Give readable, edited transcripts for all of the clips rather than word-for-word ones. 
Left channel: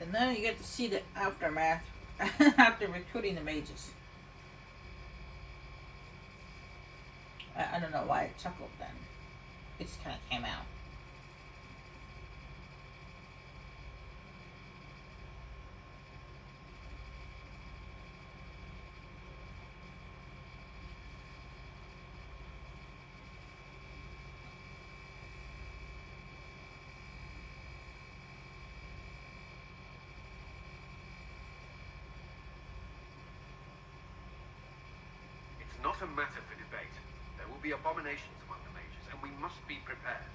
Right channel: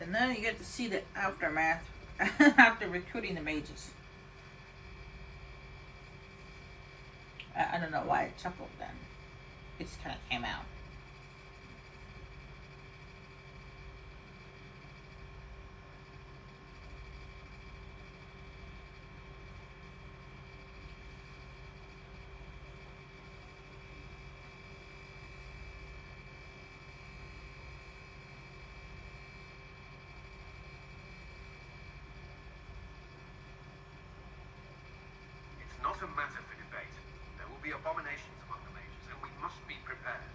And then you get to see the aftermath after recruiting the mages. I don't know why I chuckled then. It just kind of came out. It's not a matter for debate. There will be abominations among the mages, and we must be prepared.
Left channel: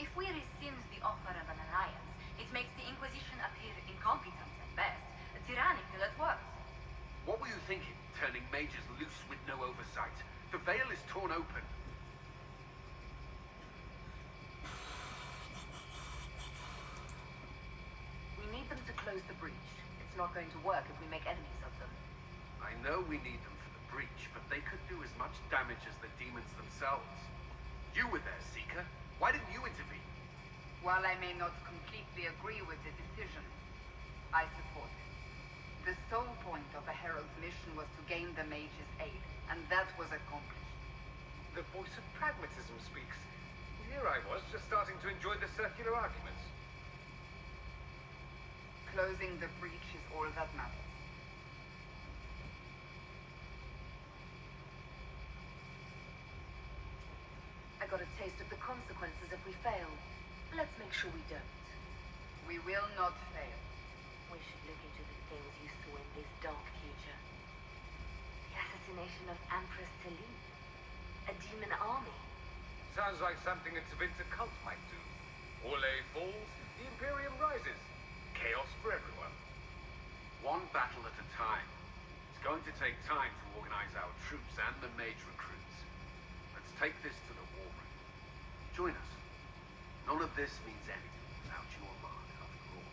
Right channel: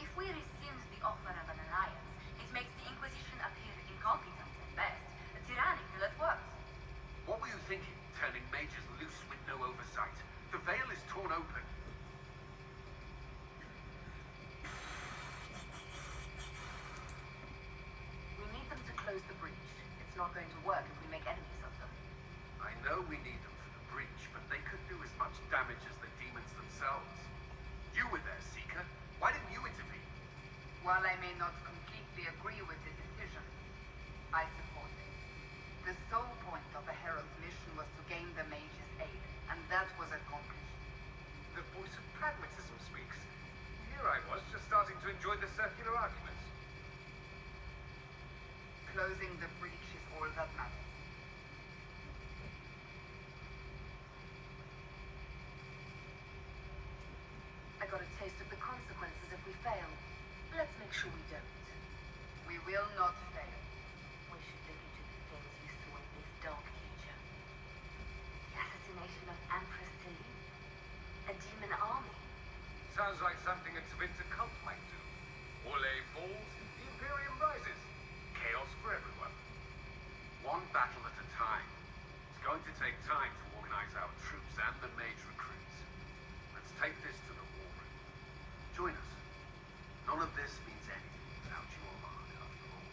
If we rescind the offer of an alliance, it makes the Inquisition appear incompetent at best, tyrannical at worst. What were you thinking, turning mages loose with no oversight? The veil is torn open. We need them to close the breach. It's not going to work if we make enemies of them. I know we need them for the breach, but they could do as much damage as the demons themselves. You were there, Seeker. Why didn't you intervene? While I may not completely agree with the decision, I support it. The sole point of a herald's mission was to gain the mage's aid, and that was accomplished. The voice of pragmatism speaks. Here I was, just starting to enjoy the circular arguments. Closing the breach is all that matters. I got a taste of the consequences if we fail. Let's make sure we don't. We will not fail. We should look into the things you saw in this dark future. The assassination of Empress Celine. A demon army. Sounds like something a Tevinter cult might do. Orlais falls, the Imperium rises. Chaos for everyone. One battle at a time. It's going to take time to organize our troops and the mage recruits. Let's take this to the war room. Join us. None of this means anything without your mark, after all.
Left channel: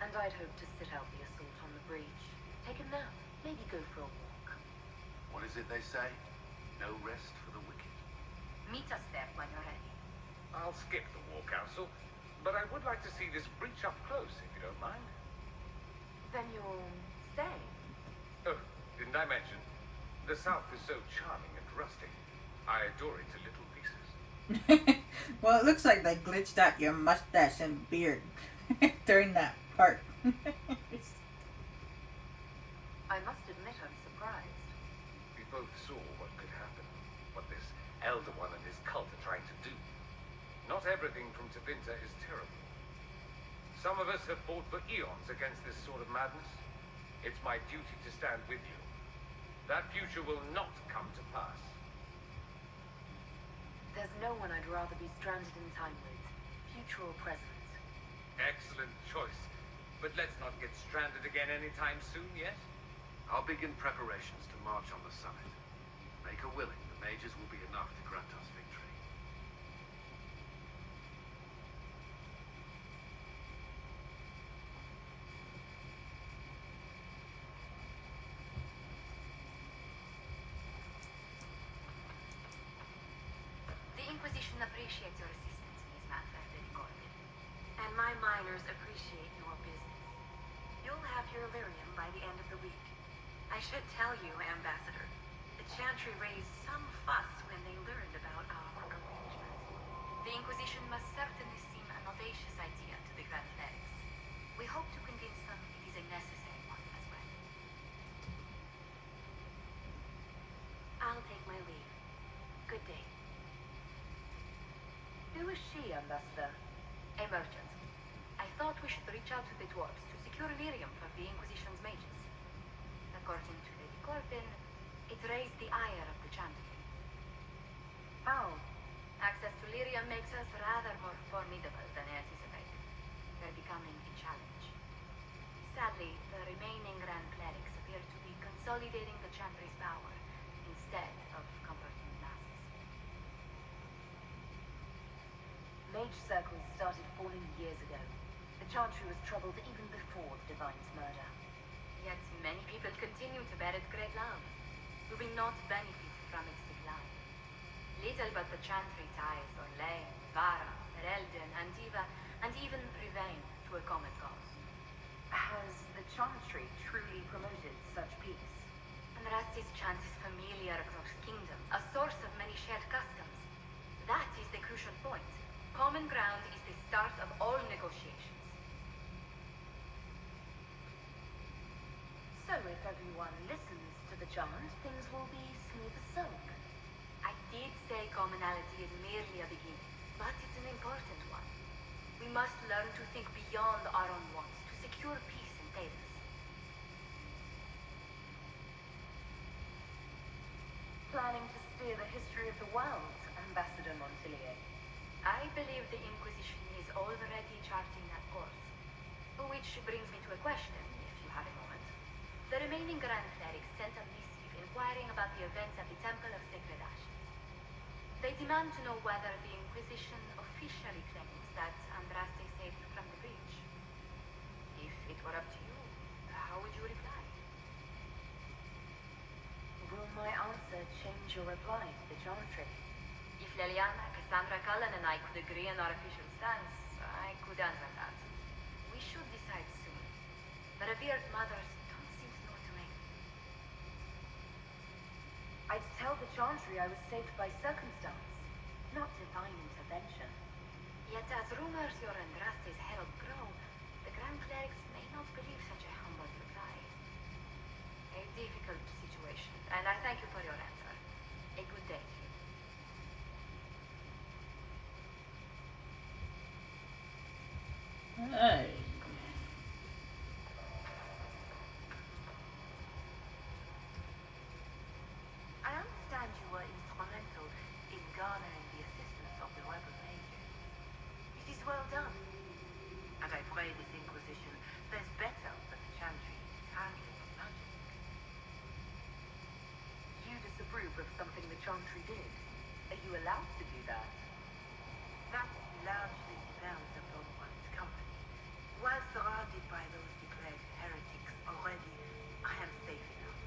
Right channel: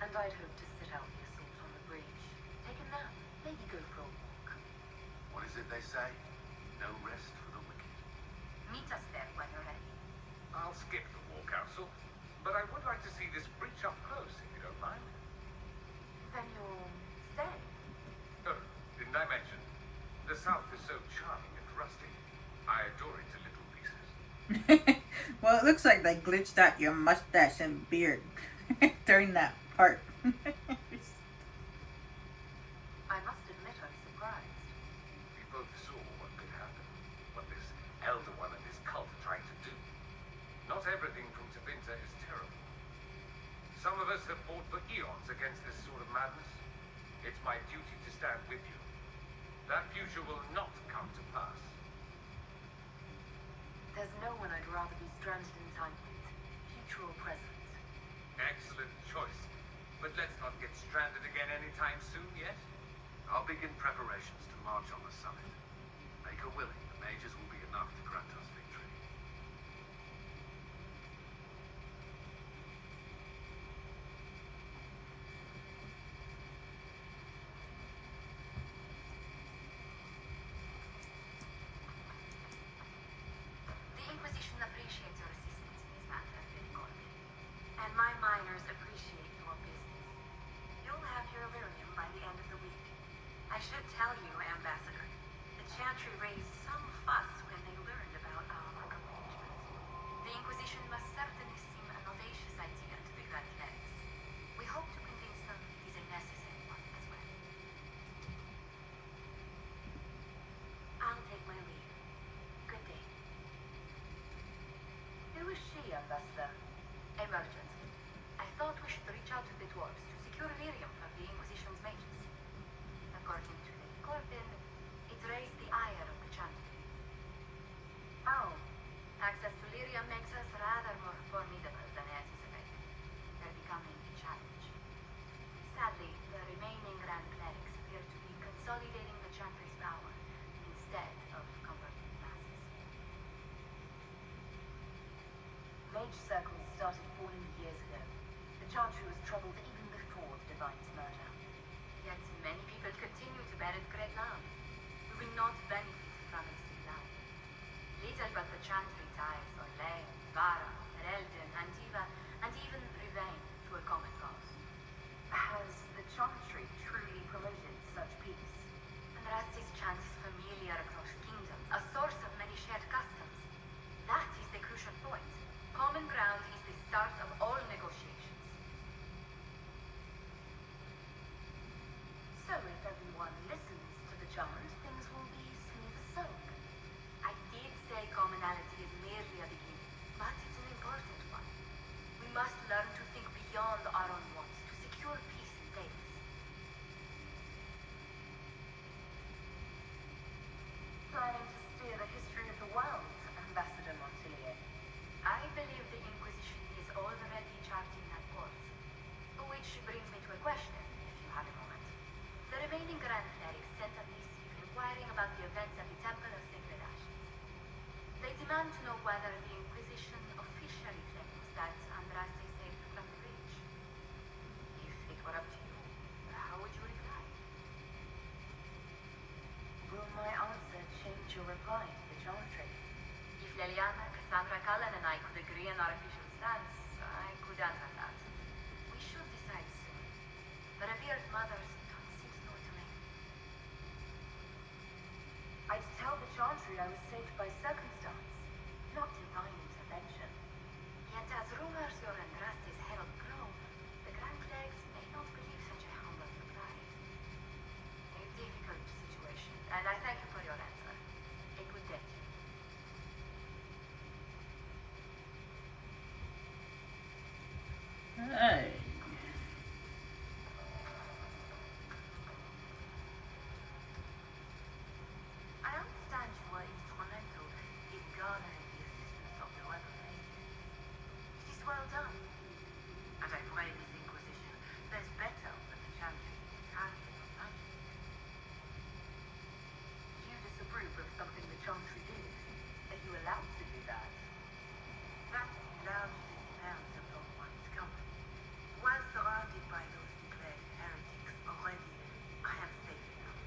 And I'd hope to sit out the assault on the breach. Take a nap, maybe go for a walk. What is it they say? No rest for the wicked. Meet us there when you're ready. I'll skip the war council, but I would like to see this breach up close, if you don't mind. Then you'll stay. Oh, didn't I mention? The South is so charming and rustic. I adore it to little pieces. Well, it looks like they glitched out your mustache and beard during that part. I must admit I'm surprised. We both saw what could happen, what this Elder One and his cult are trying to do. Not everything from Tevinter is terrible. Some of us have fought for eons against this sort of madness. It's my duty to stand with you. That future will not come to pass. There's no one I'd rather be stranded in time with, future or present. Excellent choice. But let's not get stranded again anytime soon yet. I'll begin preparations to march on the summit. Make her willing, the mages will be enough to grant us victory. The Inquisition appreciates your assistance in this matter, Lady Gordon. And my miners appreciate your business. You'll have your Illyrium by the end of the week. I should tell you, Ambassador, the Chantry raised some fuss when they learned about our arrangement. The Inquisition must certainly seem an audacious idea to the Grand Clerics. We hope to convince them it is a necessary one as well. I'll take my leave. Good day. Who is she, Ambassador? A merchant. I thought we should reach out to the dwarves to secure Illyrium from the Inquisition's mages. According to Lady Gordon, it raised the ire of the Chantry. Oh, access to Illyrium makes us rather more formidable than anticipated. We're becoming a challenge. Sadly, the remaining Grand Clerics appear to be consolidating the Chantry's power instead of converting the masses. Mage circles started forming years ago. The Chantry was troubled even before Divine's murder. Yet many people continue to bear its great love. Do we not benefit from its decline? Little but the Chantry ties Orlais, Vara, Erelden, Antiva, and even chance, things will be smooth as silk. I did say commonality is merely a beginning, but it's an important one. We must learn to think beyond our own wants to secure peace in Paris. Planning to steer the history of the world, Ambassador Montelier. I believe the Inquisition is already charting that course. Which brings me to a question, if you have a moment. The remaining Grand Clerics sent a missive inquiring about the events at the Temple of Sacred Ashes. They demand to know whether the Inquisition officially claims that Andraste saved you from the breach. If it were up to you, how would you reply? Will my answer change your reply to the geometry? If Liliana, Cassandra Cullen, and I could agree on our official stance, I could answer that. We should decide soon. The revered mothers don't seem to know what to make. I'd tell the Chantry I was saved by circumstance, not divine intervention. Yet as rumors your Andraste's herald grow, the Grand Clerics may not believe such a humble reply. A difficult situation, and I thank you for your answer. A good day to you. Hey. I understand you were instrumental in garnering the assistance of the local mages. It is well done. And I pray this Inquisition fares better than the Chantry is handling its magic. You disapprove of something the Chantry did. Are you allowed to do that? That largely depends upon one's company. While surrounded by those declared heretics already, I am safe enough.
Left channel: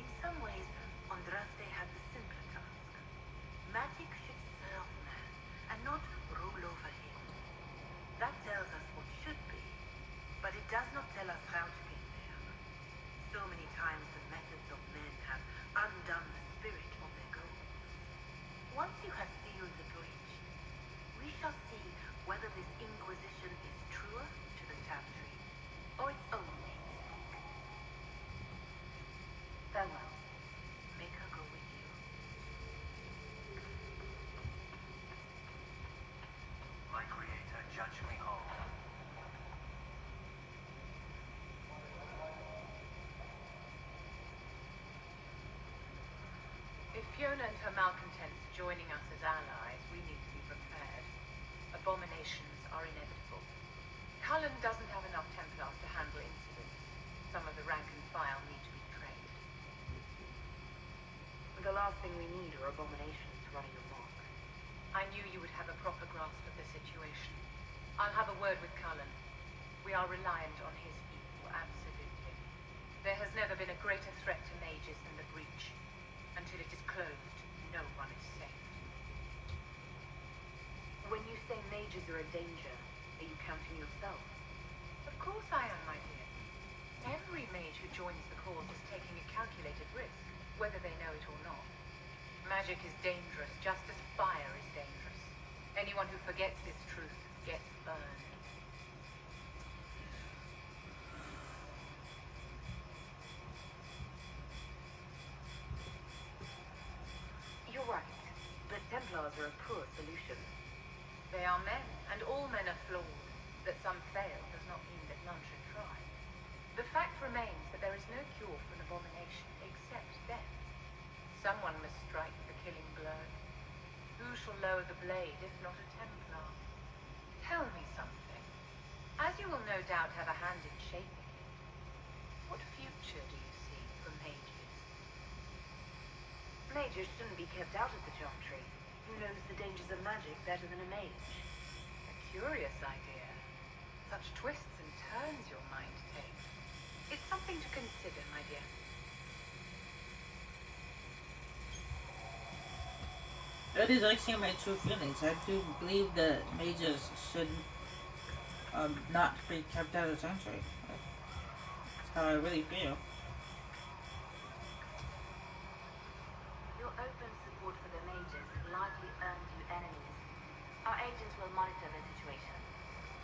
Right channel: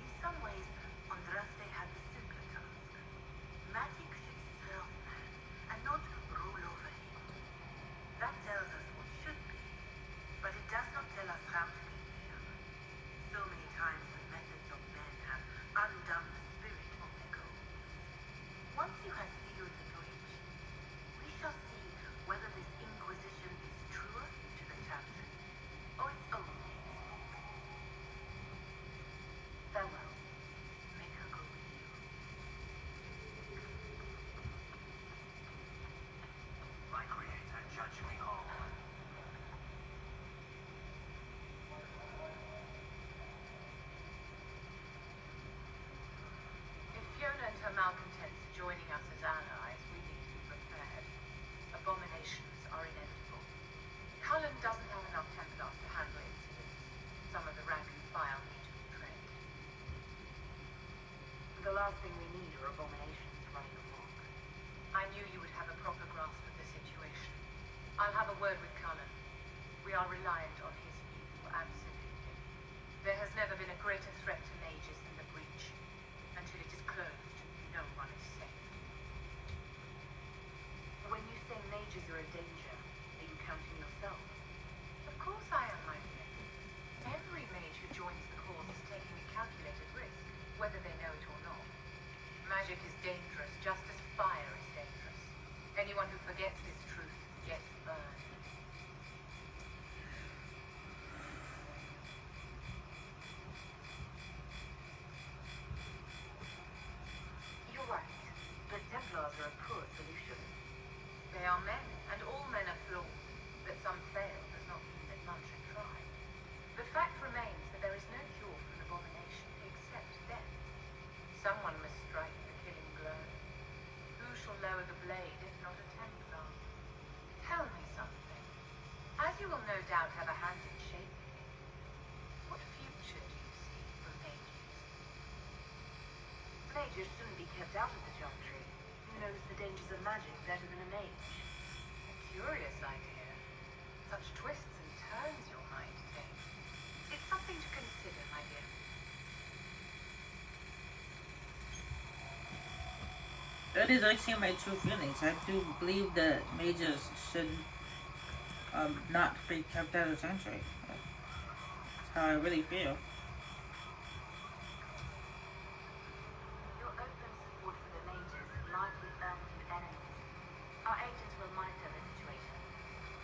In some ways, Andraste had the simpler task. Magic should serve man, and not rule over him. That tells us what should be, but it does not tell us how to get there. So many times the methods of men have undone the spirit of their goals. Once you have sealed the breach, we shall see whether this Inquisition is truer to the Chantry, or its own namesake. Farewell. Make her go with you. My creator, judge me whole. If Fiona and her malcontents are joining us as allies, we need to be prepared. Abominations are inevitable. Cullen doesn't have enough Templars to handle incidents. Some of the rank and file need to be trained. The last thing we need are abominations running amok. I knew you would have a proper grasp of the situation. I'll have a word with Cullen. We are reliant on his equal, absolutely. There has never been a greater threat to mages than the breach. Until it is closed, no one is safe. When you say mages are a danger, are you counting yourself? Of course I am, my dear. Every mage who joins the cause is taking a calculated risk, whether they know it or not. Magic is dangerous, just as fire is dangerous. Anyone who forgets this truth gets burned. You're right. The Templars are a poor solution. They are men, and all men are flawed. That some fail does not mean that none should try. The fact remains that there is no cure for an abomination except death. Someone must strike the killing blow. Who shall lower the blade if not a Templar? Tell me something. As you will no doubt have a hand in shaping it, what future do you see for mages? Mages shouldn't be kept out of the Chantry. Who knows the dangers of magic better than a mage? A curious idea. Such twists and turns your mind takes. It's something to consider, my dear. That is actually my true feelings. I do believe that mages should not be kept out of the Chantry. That's how I really feel. Your open support for the mages likely earned you enemies. Our agents will monitor the situation.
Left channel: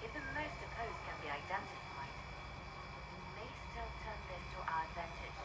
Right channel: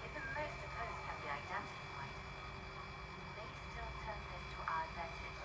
If the most opposed can be identified, we may still turn this to our advantage.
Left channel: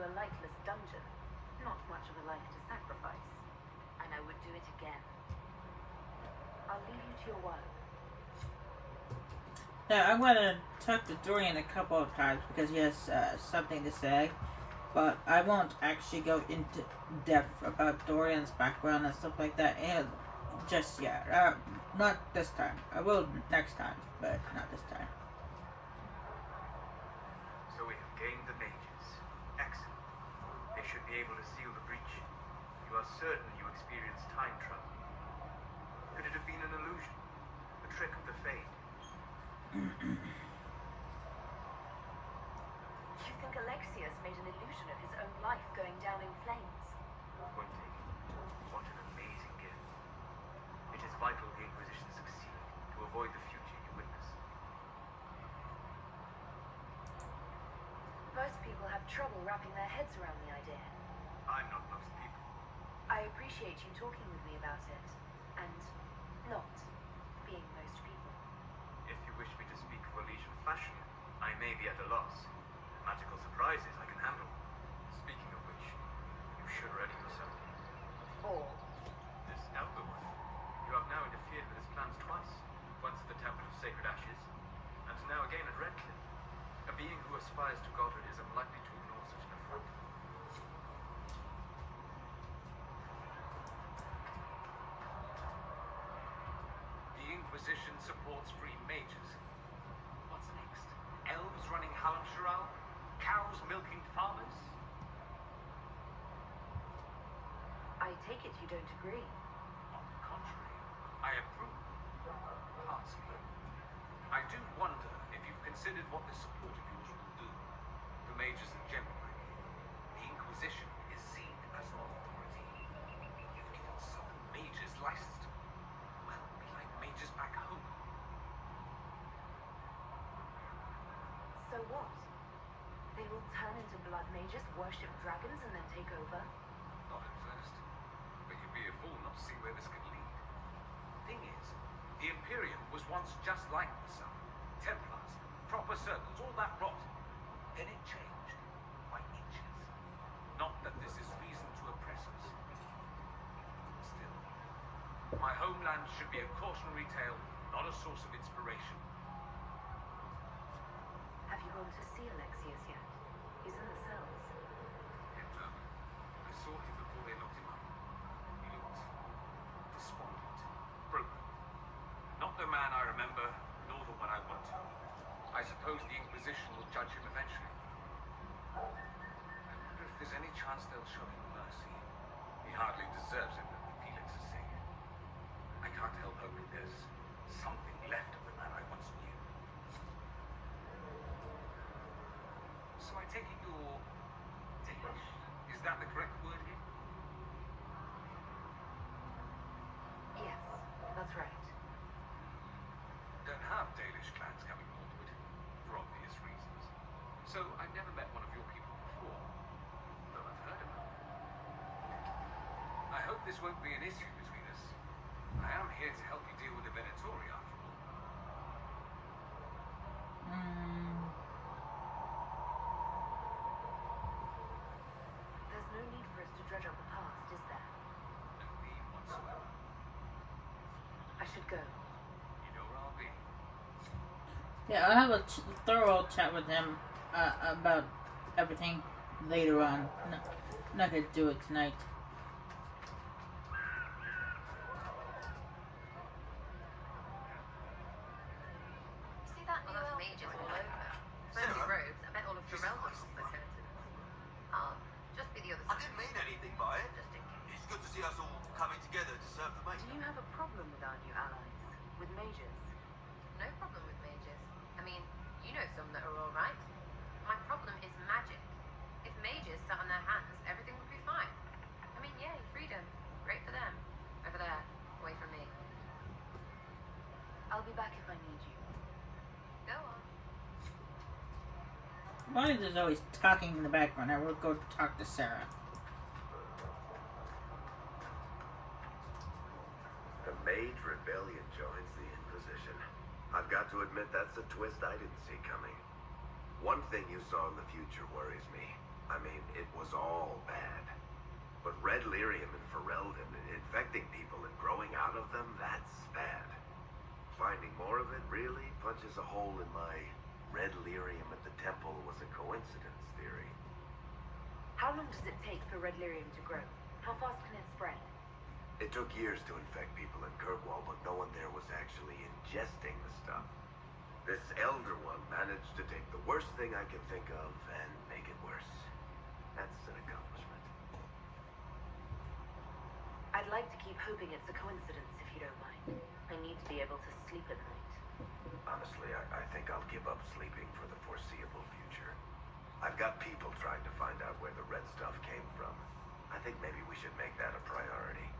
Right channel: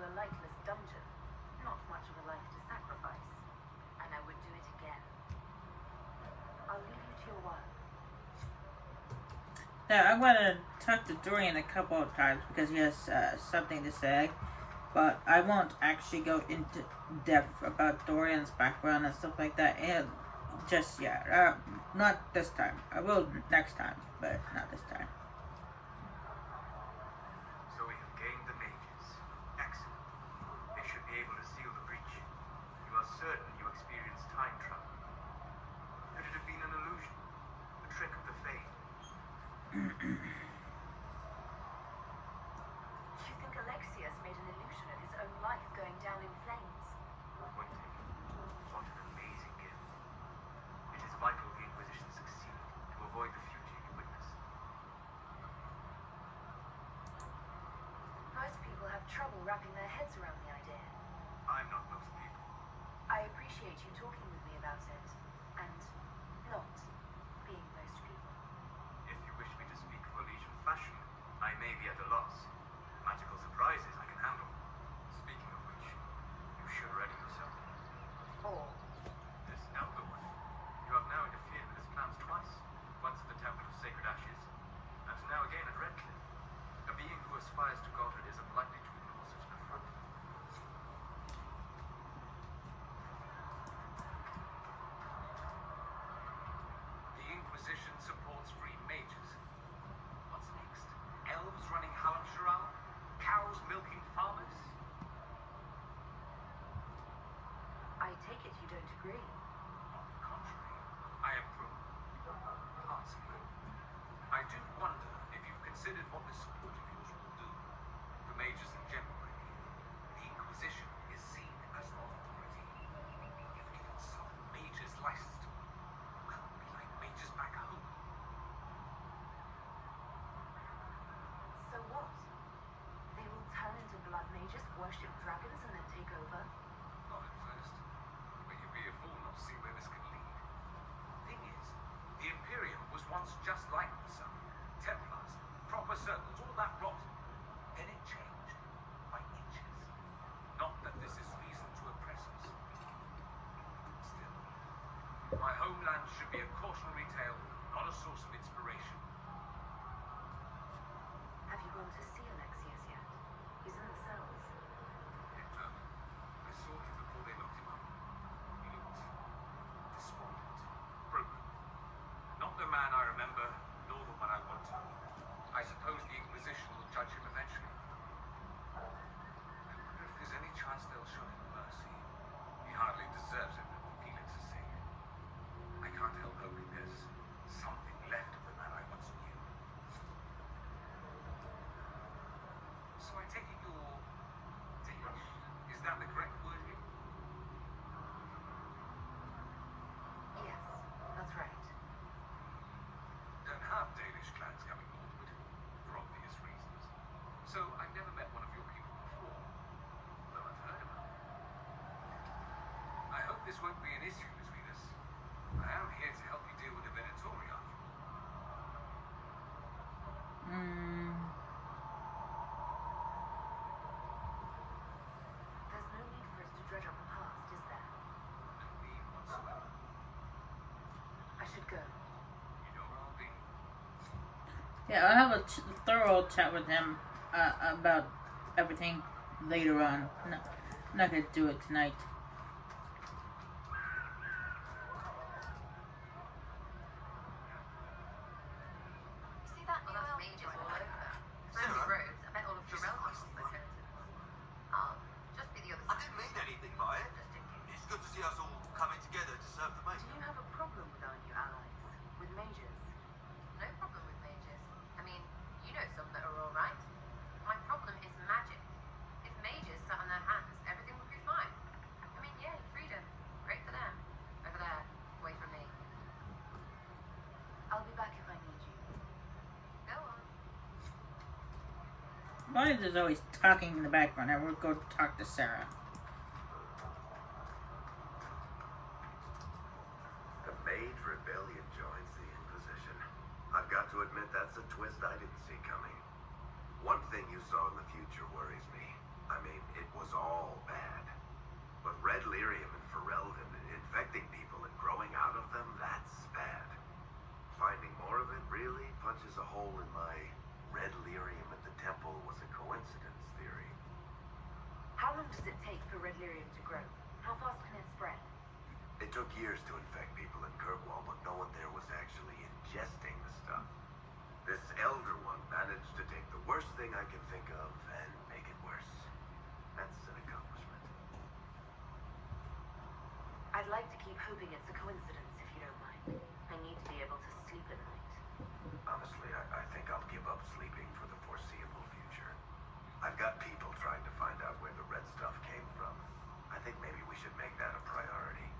into a lightless dungeon. Not much of a life to sacrifice. And I would do it again. I'll leave you to your work. Now, I'm going to talk to Dorian a couple of times because he has something to say. But I won't actually go into depth about Dorian's background and stuff like that. And just yet. Not this time. I will next time, but not this time. So we have gained the mages. Excellent. They should be able to seal the breach. You are certain you experienced time travel. Could it have been an illusion? The trick of the Fade? You think Alexius made an illusion of his own life going down in flames? What an amazing gift. It is vital the Inquisition succeed to avoid the future you witness. Most people have trouble wrapping their heads around the idea. I'm not most people. I appreciate you talking with me about it, and not being most people. If you wish me to speak of Elysian fashion, I may be at a loss. Magical surprises I can handle. Speaking of which, you should ready yourself. Or This outlook. You have now interfered with his plans twice. Once at the Temple of Sacred Ashes, and now again at Redcliffe. A being who aspires to godhood is unlikely to ignore such an affront. The Inquisition supports free mages. What's next? Elves running Halamsharal? Cows milking farmers? I take it you don't agree. On the contrary, I approve. Heartily. I do wonder if you've considered what this support of yours will do. For mages in general, I mean. The Inquisition is seen as an authority. You've given some mages license to, well, be like mages back home. So what? They will turn into blood mages, worship dragons, and then take over? Not at first. But you'd be a fool not to see where this could lead. Thing is, the Imperium was once just like the Sun. Templars, proper circles, all that rot. Then it changed. By inches. Not that this is reason to oppress us. Still, my homeland should be a cautionary tale, not a source of inspiration. Have you gone to see Alexius yet? He's in the cells. I saw him before they locked him up. He looked despondent, broken. Not the man I remember, nor the one I want to. I suppose the Inquisition will judge him eventually. I wonder if there's any chance they'll show him mercy. He hardly deserves it, but feelings are saying. I can't help hoping there's something left of the man I once knew. So I take it you're Danish. Is that the correct word here? Yes, that's right. Don't have Danish clans coming northward, for obvious reasons. So I've never met one of your people before, though I've heard of them. I hope this won't be an issue between us. I am here to help you deal with the Venatori after all. There's no need for us to dredge up the past, is there? No need whatsoever. I should go. You know where I'll be. Yeah, I'll have a thorough chat with him about everything later on. I'm not going to do it tonight. See that new elf? Mages all over. Fancy robes. I bet all of Jarell wants the curtains. Oh, just be the other I side. didn't mean anything by it. Just in case. It's good to see us all coming together to serve the mate. Do you have a problem with our new allies? With mages? No problem with mages. I mean, you know some that are alright. My problem is magic. If mages sat on their hands, everything would be fine. I mean, yay, freedom. Great for them. Over there, away from me. I'll be back if I need you. Go on. Why is there always talking in the background? I will go talk to Sarah. The Mage Rebellion joins the Inquisition. I've got to admit that's a twist I didn't see coming. One thing you saw in the future worries me. I mean, it was all bad. But red lyrium and Ferelden, infecting people and growing out of them, that's bad. Finding more of it really punches a hole in my red lyrium at the temple was a coincidence theory. How long does it take for red lyrium to grow? How fast can it spread? It took years to infect people in Kirkwall, but no one there was actually ingesting the stuff. This Elder one managed to take the worst thing I can think of and make it worse. That's an accomplishment. I'd like to keep hoping it's a coincidence, if you don't mind. I need to be able to sleep at night. Honestly, I think I'll give up sleeping for the foreseeable future. I've got people trying to find out where the red stuff came from. I think maybe we should make that a priority.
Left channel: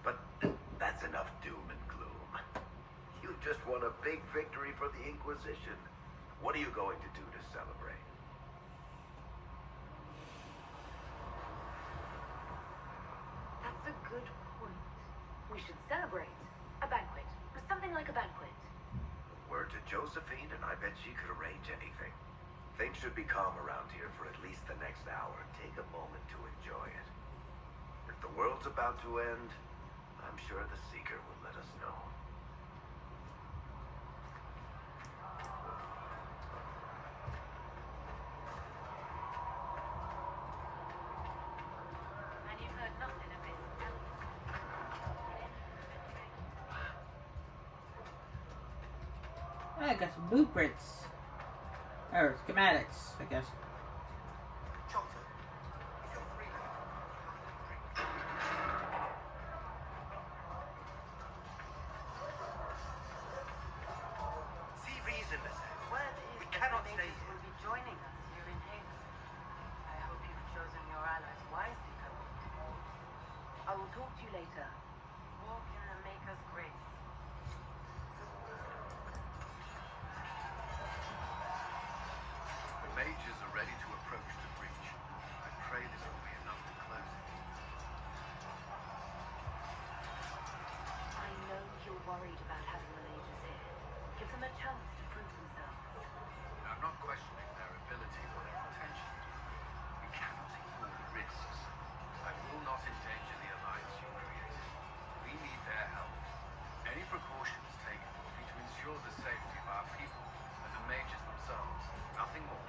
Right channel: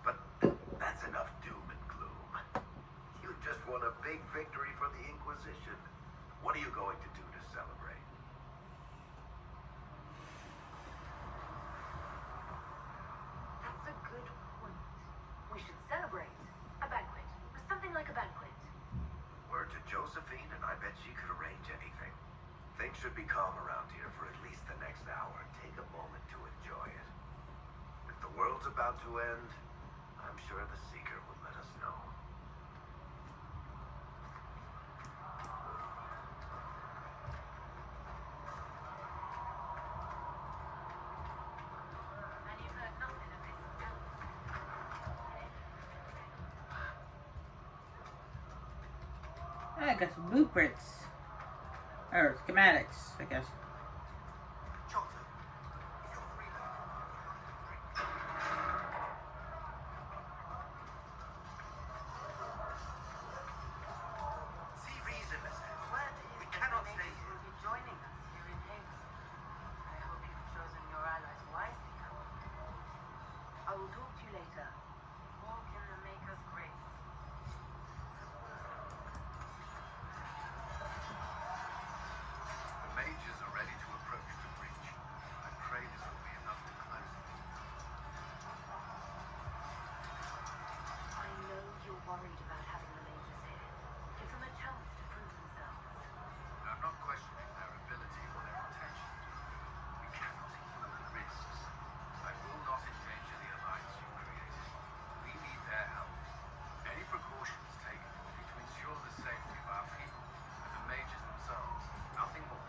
But that's enough doom and gloom. You just won a big victory for the Inquisition. What are you going to do to celebrate? That's a good point. We should celebrate. A banquet. Something like a banquet. Word to Josephine, and I bet she could arrange anything. Things should be calm around here for at least the next hour. Take a moment to enjoy it. If the world's about to end, I'm sure the Seeker will let us know. And you've heard nothing of this. I got some blueprints. Or schematics, I guess. Jota, if you're free now, see reason, Mister. Word We is that cannot the stay mages here. will be joining us here in Haven. I hope you've chosen your allies wisely, Colonel. I will talk to you later. Walk in the Maker's grace. The mages are ready to approach the breach. I pray this will be enough to close it. I know you're worried about having the mages here. Give them a chance to prove themselves. I'm not questioning their ability or their intention. We cannot ignore the risks. I will not endanger the alliance you created. We need their help. Any precautions taken will be to ensure the safety of our people and the mages themselves. Nothing more.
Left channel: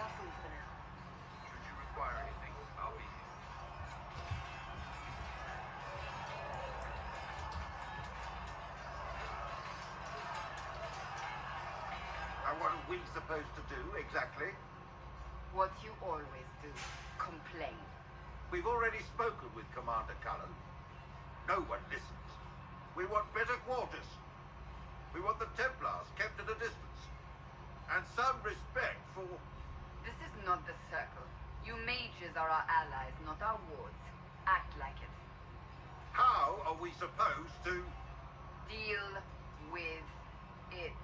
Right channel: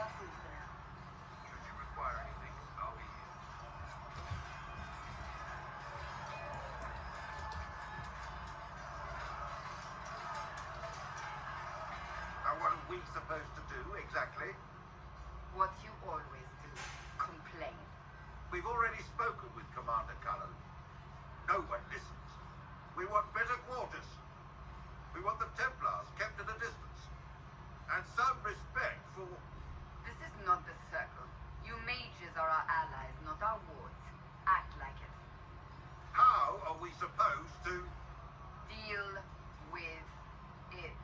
That's all for now. Should you require anything, I'll be here. And what are we supposed to do, exactly? What you always do. Complain. We've already spoken with Commander Cullen. No one listens. We want better quarters. We want the Templars kept at a distance. And some respect for... This is not the circle. You mages are our allies, not our wards. Act like it. How are we supposed to... Deal with it.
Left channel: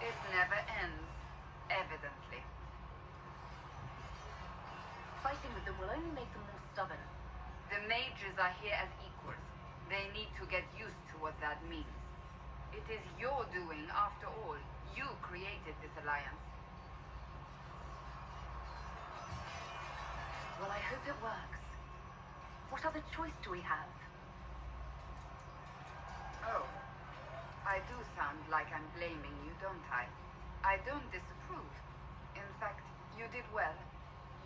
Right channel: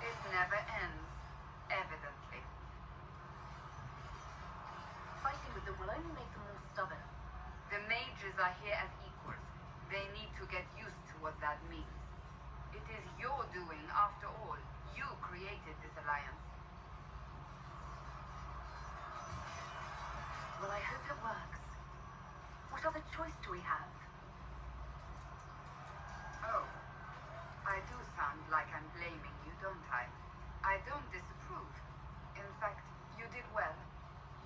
It never ends, evidently. Fighting with them will only make them more stubborn. The mages are here as equals. They need to get used to what that means. It is your doing, after all. You created this alliance. Well, I hope it works. What other choice do we have? Oh, I do sound like I'm blaming you, don't I? I don't disapprove. In fact, you did well.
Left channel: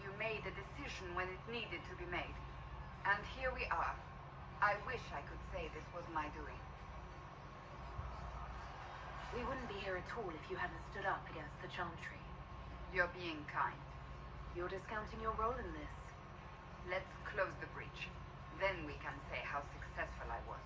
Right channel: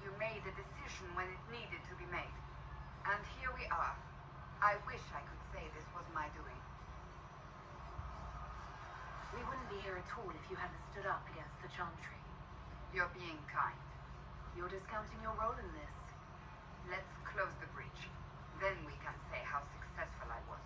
You made a decision when it needed to be made. And here we are. I wish I could say this was my doing. We wouldn't be here at all if you hadn't stood up against the Chantry. You're being kind. You're discounting your role in this. Let's close the breach. Then we can say how successful I was.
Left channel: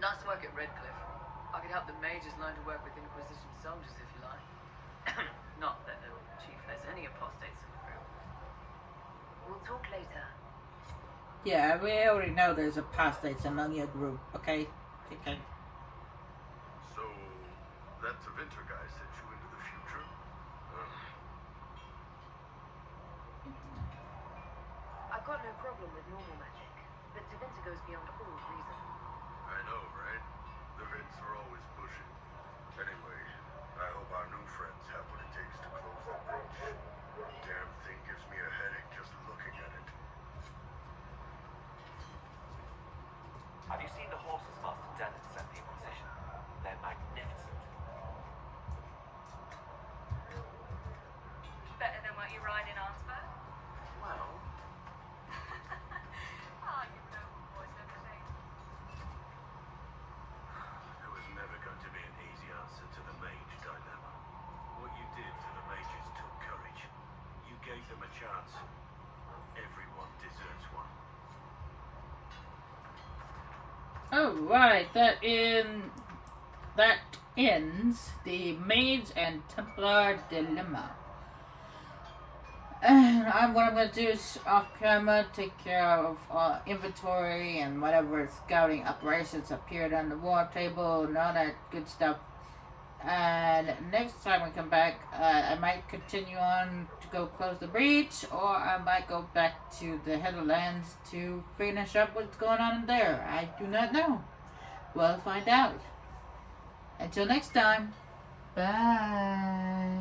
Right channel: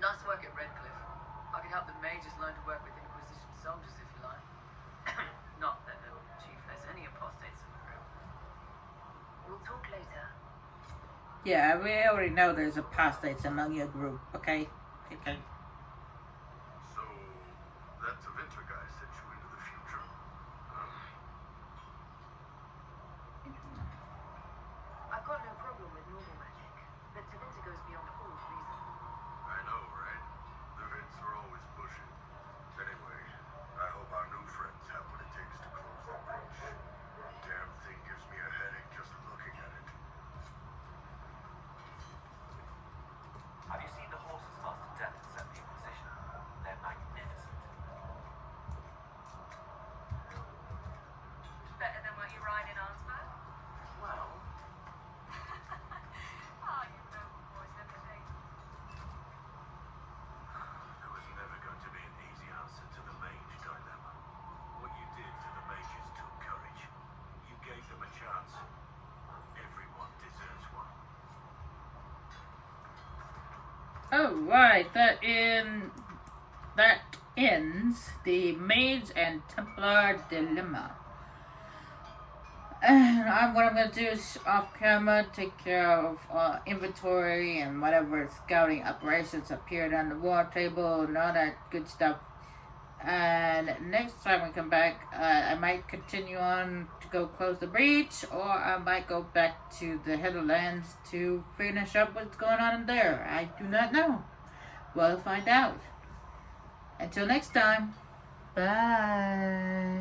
Nice work at Redcliffe. I could help the mages learn to work with Inquisition soldiers if you like. Not that the chief has any apostates in the group. We'll talk later. Yeah, we already know there's apostates among your group, okay? Okay. So, that Tevinter guy sent you into the future? I've got no problem with normal magic, but Tevinter goes beyond all reason. I know, right? The Vints are always pushing. Anyway, I hope our new friends have what it takes to close the breach. Damn thing gives me a headache just looking at it. Have you seen the horses Master Dennis sent the Inquisition? They're magnificent. Better than what you ride in Arnsberg? Well, Oh, you know, boys never say. There was never going to be an easy answer to the mage dilemma. What you did for the mages took courage. You gave them a chance. Everyone deserves one. Alright, that ends the Mage and Templar dilemma. And what I'm going to do is off camera take care of inventory and whatever scouting operations appeared on the war table and all that good stuff. And next time we come back, I might continue on to go close the breach, or I might go back to the Heatherlands to finish up what's going on there. I do not know. We'll find out. Until next time, bye.